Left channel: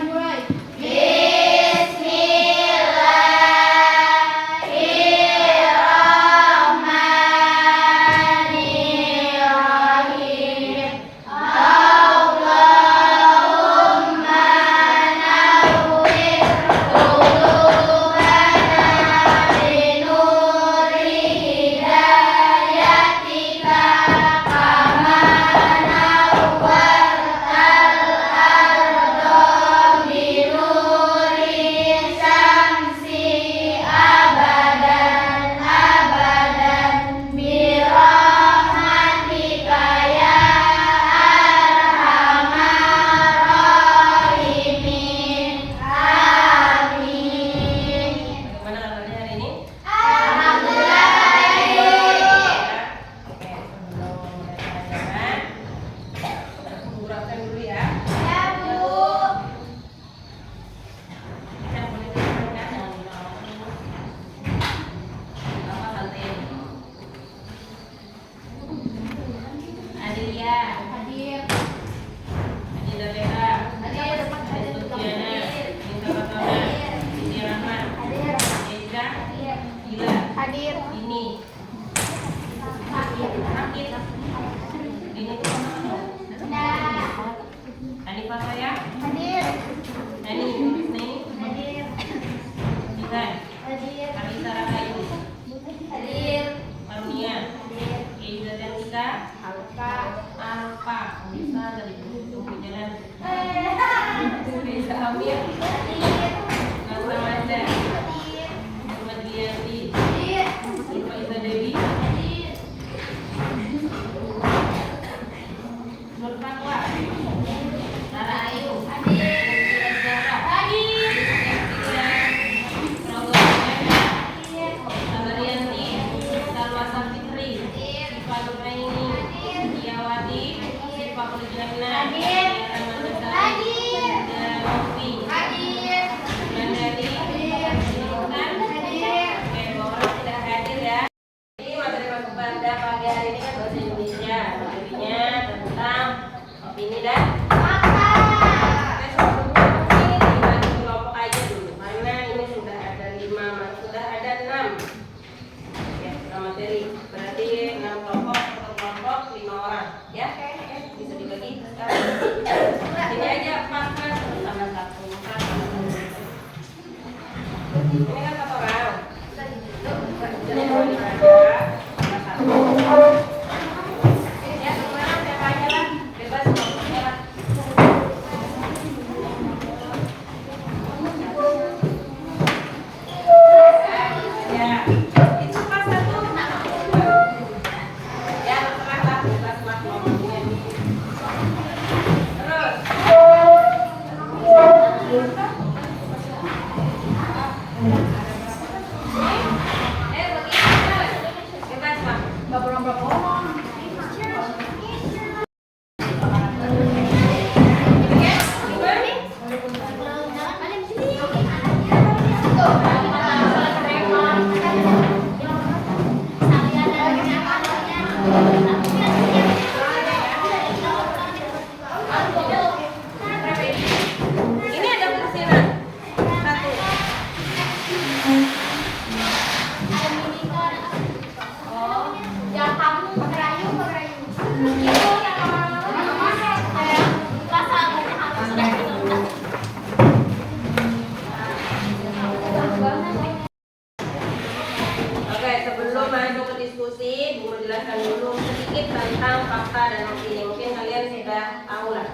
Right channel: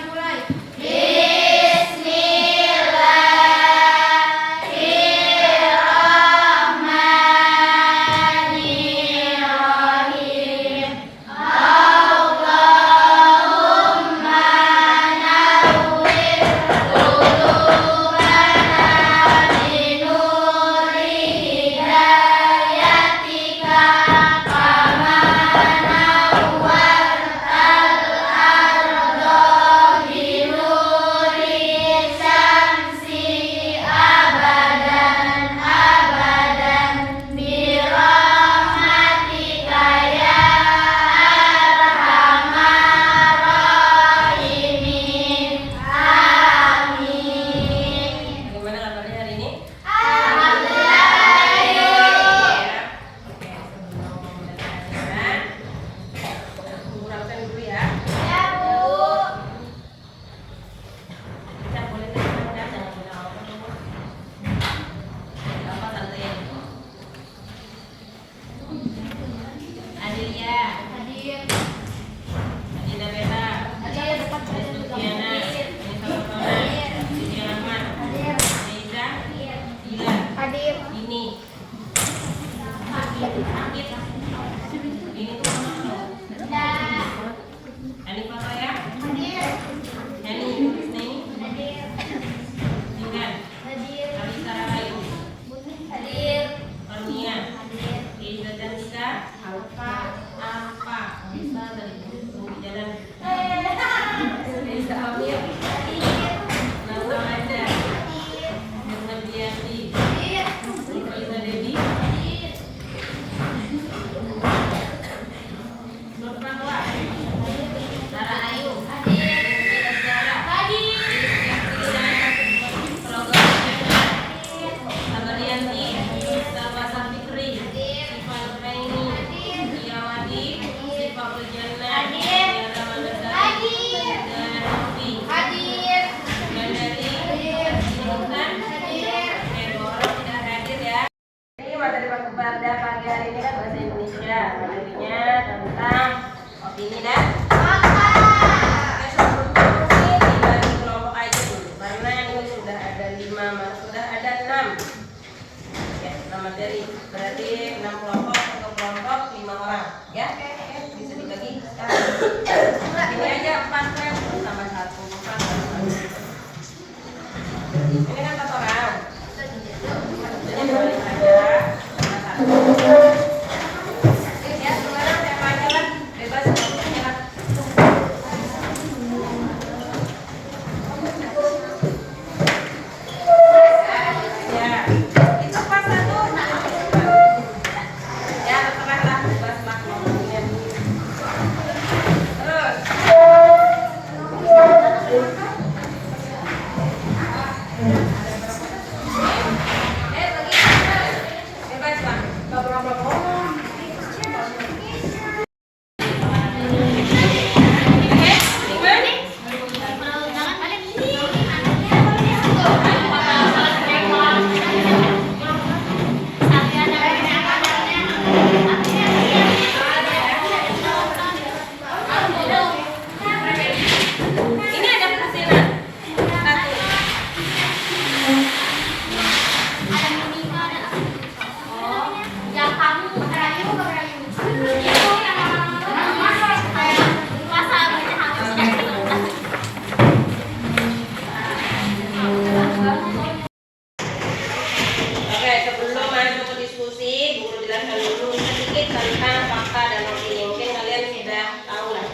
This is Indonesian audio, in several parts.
dimulai. tentang fakta dan opini. Mungkin kalian sudah tahu lah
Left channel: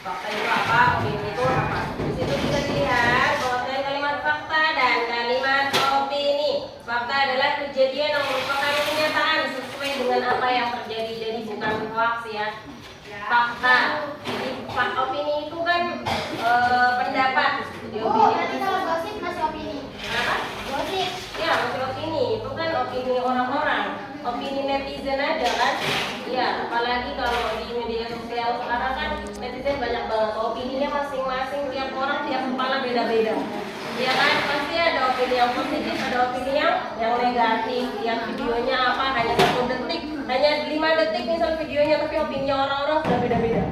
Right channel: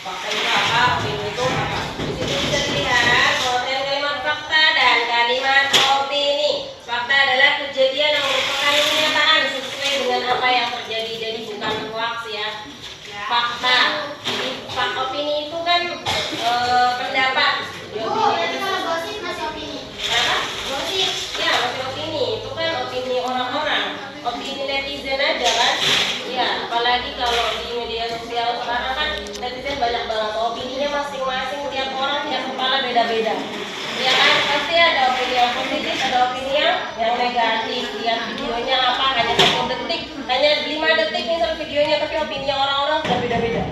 fakta itu apa, opini itu apa. Di situ bisa dilihat pengertian kalimat fakta dan kalimat opini. Fakta adalah kejadian yang merupakan kenyataan sesuai dengan apa yang terjadi, jadi bukan hoax ya. Fakta. Jadi opini itu kan pendapat. Jadi opini itu masih opini. apa? Gosip. Ya, masih opini. Itu kan opini orang-orang. Opini netizen aja kan. Ya, apalagi kalau di media sosial sekarang kan netizen banyak banget. Opininya masing-masing, tiap orang, tiap kepala beda-beda. Ya kan, pasti ada opini yang positif, ada opini yang negatif. Lihat videonya apa, hanya 1 detik, hanya 5 detik misal videonya, tapi opini orang-orang sudah beda-beda.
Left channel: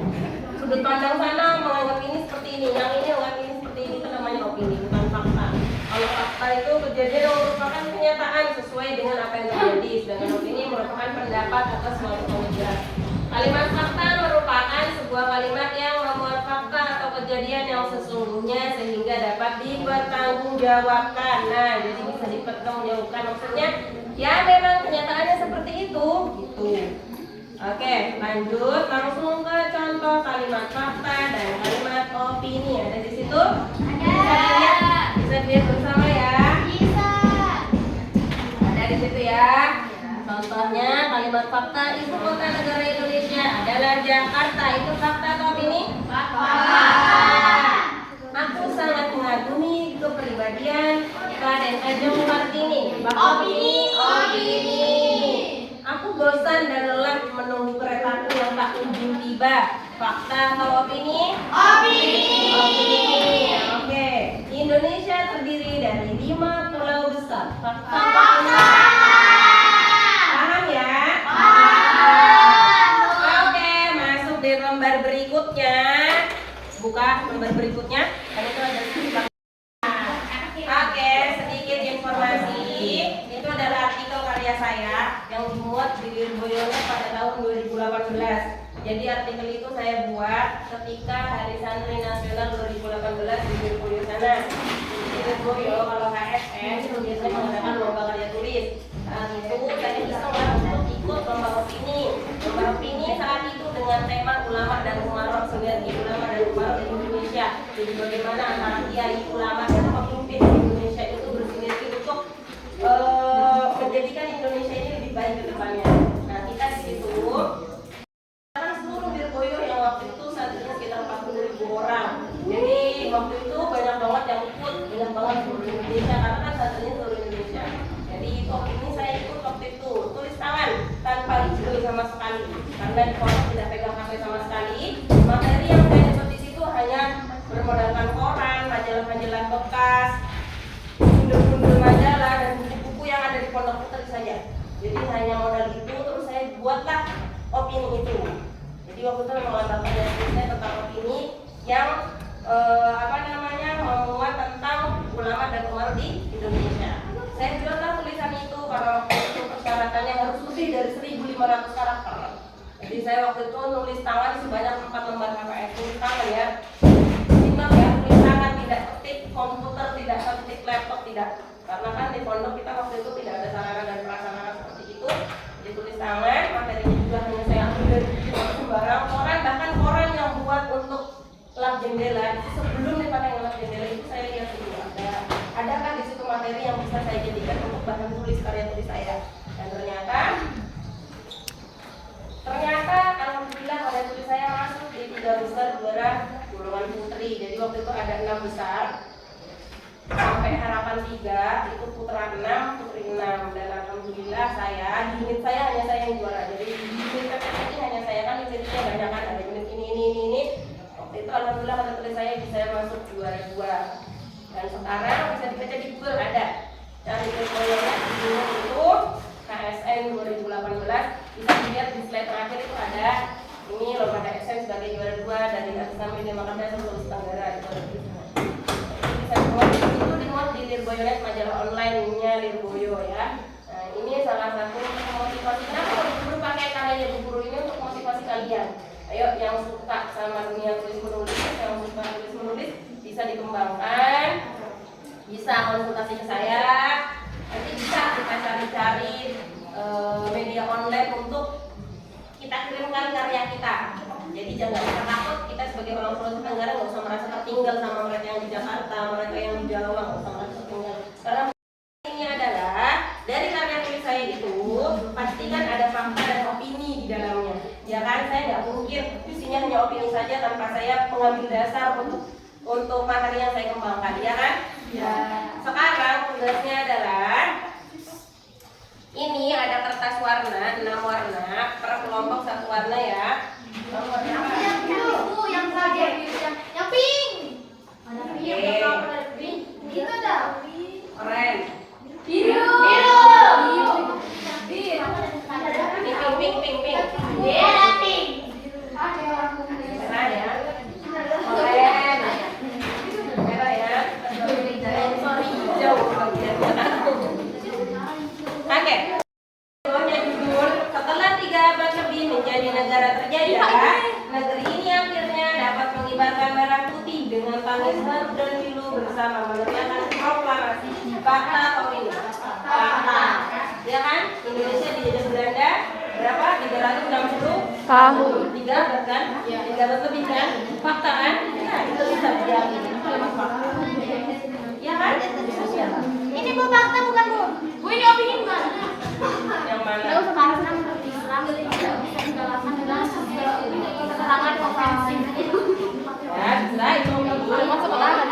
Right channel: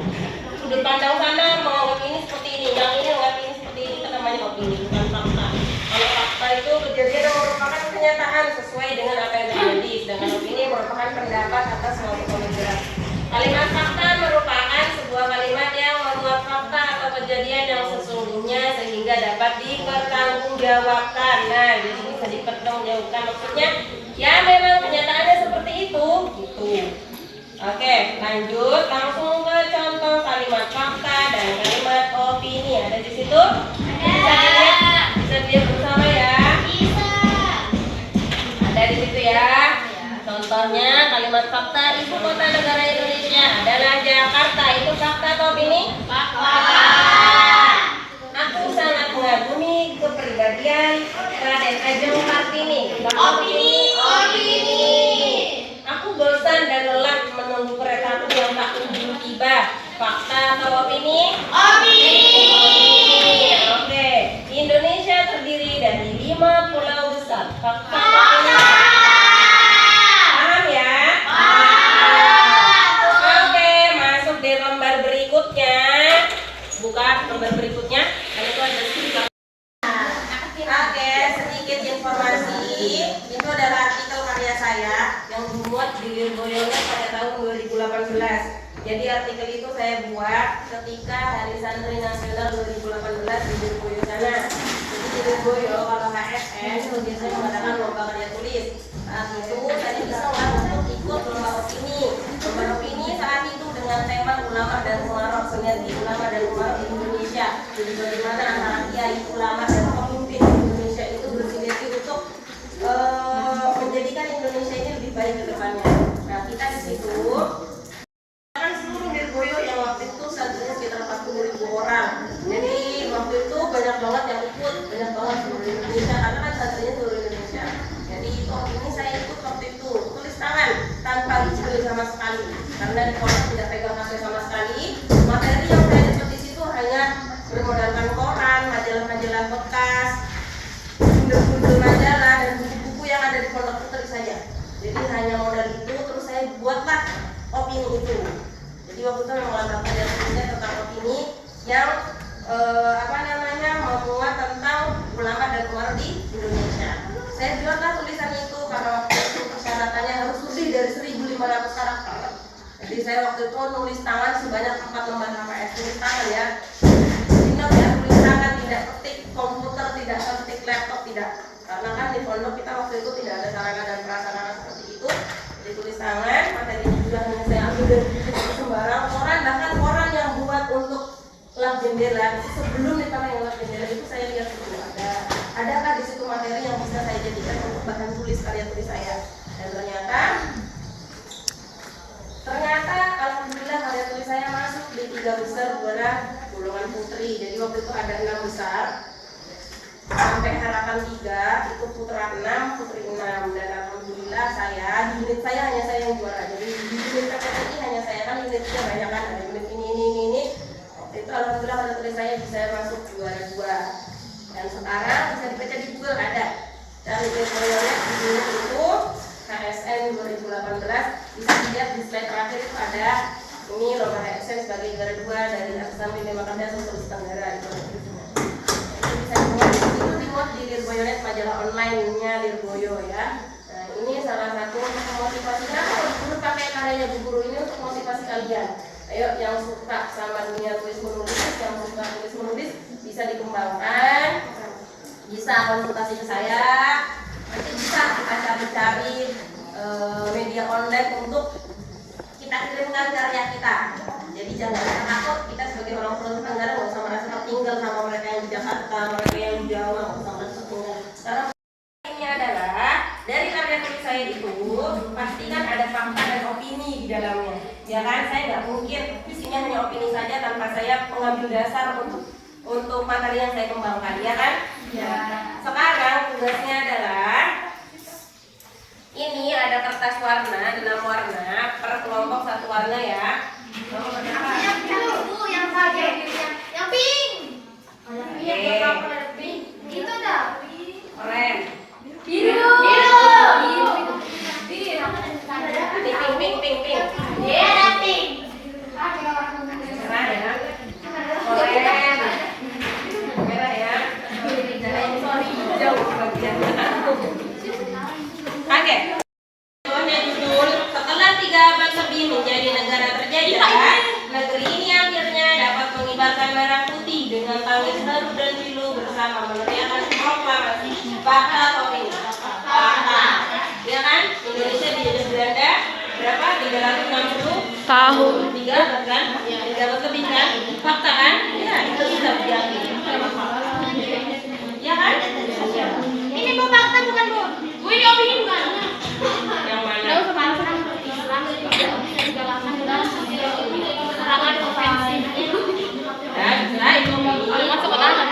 Sudut pandang sana menganggap ini seperti ini, yang ini ngerti seperti ini kan namanya opini, bukan fakta. Kalau fakta itu kejadian yang merupakan kenyataan sesuai dengan apa yang terjadi, sedangkan opini merupakan pendapat atas suatu pemikiran. Kalimat fakta merupakan sebuah kalimat yang memuat fakta atau kejadian yang sesungguhnya sehingga dapat dipertanggungjawabkan. Nah, jadi bisa dipertanggungjawabkan maksudnya ya memang kenyataannya seperti itu, gitu. Oke, lanjut langsung ke contoh kalimat fakta dan kalimat opini. Ada di situ? Ada. Bisa dilihat bersama ya. Bisa. Ada di situ ya. Contohnya kalimat fakta ibu kota negara Indonesia adalah Jakarta. Itu fakta atau opini? Fakta. Aku sangat mengagumi kepribadian Raden Ajeng Kartini. Opini. Aku bosan dan lelah menunggu keretaku yang tak kunjung tiba. Fakta atau opini? Opini. Oke. Indonesia terdiri dari 5 pulau besar. Fakta atau opini? Paham ya? Oke, masuk di lembar berikutnya. Buka lembar berikutnya. Karena itu ada sedikit. Oke, sedikit informasi. Itu adalah artikel karya saya yang dimuat di Lirboyonet pada tahun 2018. Jadi artikel itu saya buat ketika Hari Santri Nasional 2018 di Lirboyo sana. Jadi di Lirboyo kalau HSN itu biasanya mengadakan lomba karya tulis. Saat itu saya iseng untuk ikut lomba opini. Lomba opini saat itu dengan tema ulama dan umarok, sinergi ulama dan umarok di Indonesia. Jadi bagaimana antara kiai, ulama dan pemimpin Indonesia itu bersinergi untuk menjadikan Indonesia ini lebih baik ke depannya. Nah, kita di situ kan seluruh Lirboyo yang waktu itu santrinya sekitar 40.000 orang. Jadi waktu itu banyak banget yang ikut, banyak banget seluruh Indonesia karena kan santrinya seluruh Indonesia. Jadi ini saya ikut waktu itu tulis tangan tanpa izin sama sekali karena di pondok tidak pegang HP sama sekali. Materi yang saya dapat di situ hanya bermodalkan koran, majalah-majalah bekas, bundel-bundel majalah dan buku-buku yang ada di pondok putri saja. Jadi hanya modal itu terus saya buatlah opini itu. Jadi waktu itu memang latar belakang tulisnya tentang opini yang memuat tentang ulama dan umarok di Indonesia. Saya buatlah tulisan itu karena waktu itu persyaratannya harus lebih dari 1.500 karakter. Jadi saya waktu itu nulis tangan sebanyak 4 lembar HVS, tulis tangan ya. Ingat ya, tulis tangan, tidak ketik komputer, tidak ketik laptop, tidak. Karena kan di pondok kita waktu itu tidak ada sarana dan prasarana seperti itu. Jadi tulis tangan, materi juga hanya saya ambil dari buku sembarang koran, bahkan koran yang buat untuk lap jendela itu sebelum dipakai lap jendela itu saya lihat dulu adakah di situ materi yang bisa saya jadikan untuk bahan tulis karya tulis saya. Dan ternyata alhamdulillah karya tulis saya masuk di 3 besar juara golongan putri. Jadi waktu itu ada 6 besar sampai harapan 3 itu putra 6 putri 6 dan alhamdulillah unit saya hanya saya yang juara. Jadi di unit PPT ini hanya saya kan unitnya banyak kan, ada unit ini. Waktu itu alhamdulillah karya tulis saya bisa masuk juara 2. Dan sekarang bisa dibaca di Google ada dari Lirboyonet di itu KSN 2018 bisa dilihat di slide terakhir itu ada ini lomba KSN sebagai juara 2 dari atas sampai 5 karya Sulawesi Tenggara itu ada itu. Bisa dimuat di situ dimuat di Lirboyonet majalah online-nya Lirboyo ya. Nah ini salah satu untuk memotivasi kenapa guru pakai karyanya Bu Guru ini untuk motivasi kalian. Ayo yang suka sama dunia tulis menulis, yang suka tulis menulis bisa dikembangkan, bisa konsultasi ke saya, nanti bisa kita cari-cari media online untuk kita kirimkan karya kita. Jadi jangan takut, kita sebagai orang Sulawesi Tenggara nggak usah merasa tertinggal sama mereka yang di Jakarta, mereka yang di Jawa nggak usah merasa tertinggal. Karena ini adalah dari karya tulis saya itu pastikan ada fakta dan opini di dalamnya. Ya kan, saya nggak mungkin isinya hanya opini saja tanpa saya mengambil dasar untuk materi yang saya kembangkan, ya kan? Ya. Sekarang tugasnya adalah ini ada kertas warna 6 warna per kelompok 1 warna ya. Yang biru Bu, yang pink. Yang pink. Itu dah. Keren. Biru. Pink. Ada pink. Keren ya. Keren. bersama meneriakan proklamasi fakta atau opini. Fakta, ya kan? Indonesia dijajah Belanda berapa? 360 tahun. 3 kan? 3 lebih kan? Fakta kan? Ya, itu bisa diyakini. Ya kan? Ini bu fakta bukan bu. Bu ini opini bukan. Yang mana? Ya, bisa itu opini. Masuk ke tangan.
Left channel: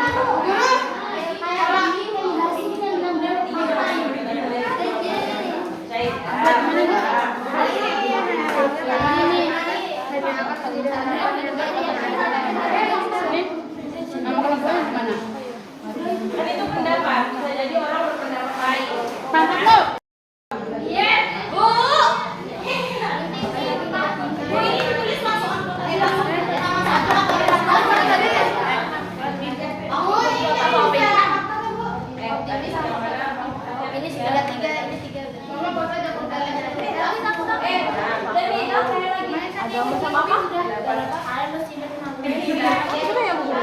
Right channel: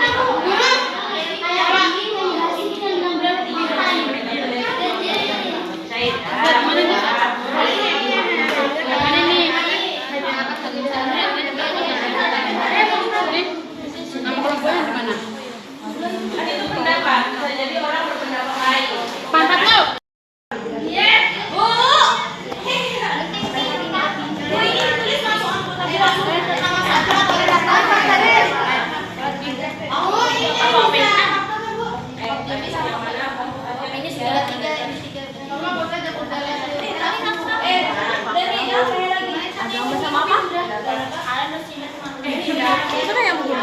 Kan itu pendapat, bisa jadi orang berpendapat lain. Pangkat lo. Bu, Bu ini tulis langsung tapi yang mana? Ini segala tiga, ini tiga. Agama sama apa? Itu kan yang buku.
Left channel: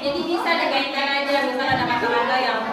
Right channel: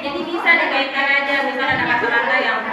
Jadi bisa dikaitkan aja misalnya ada kata-kata yang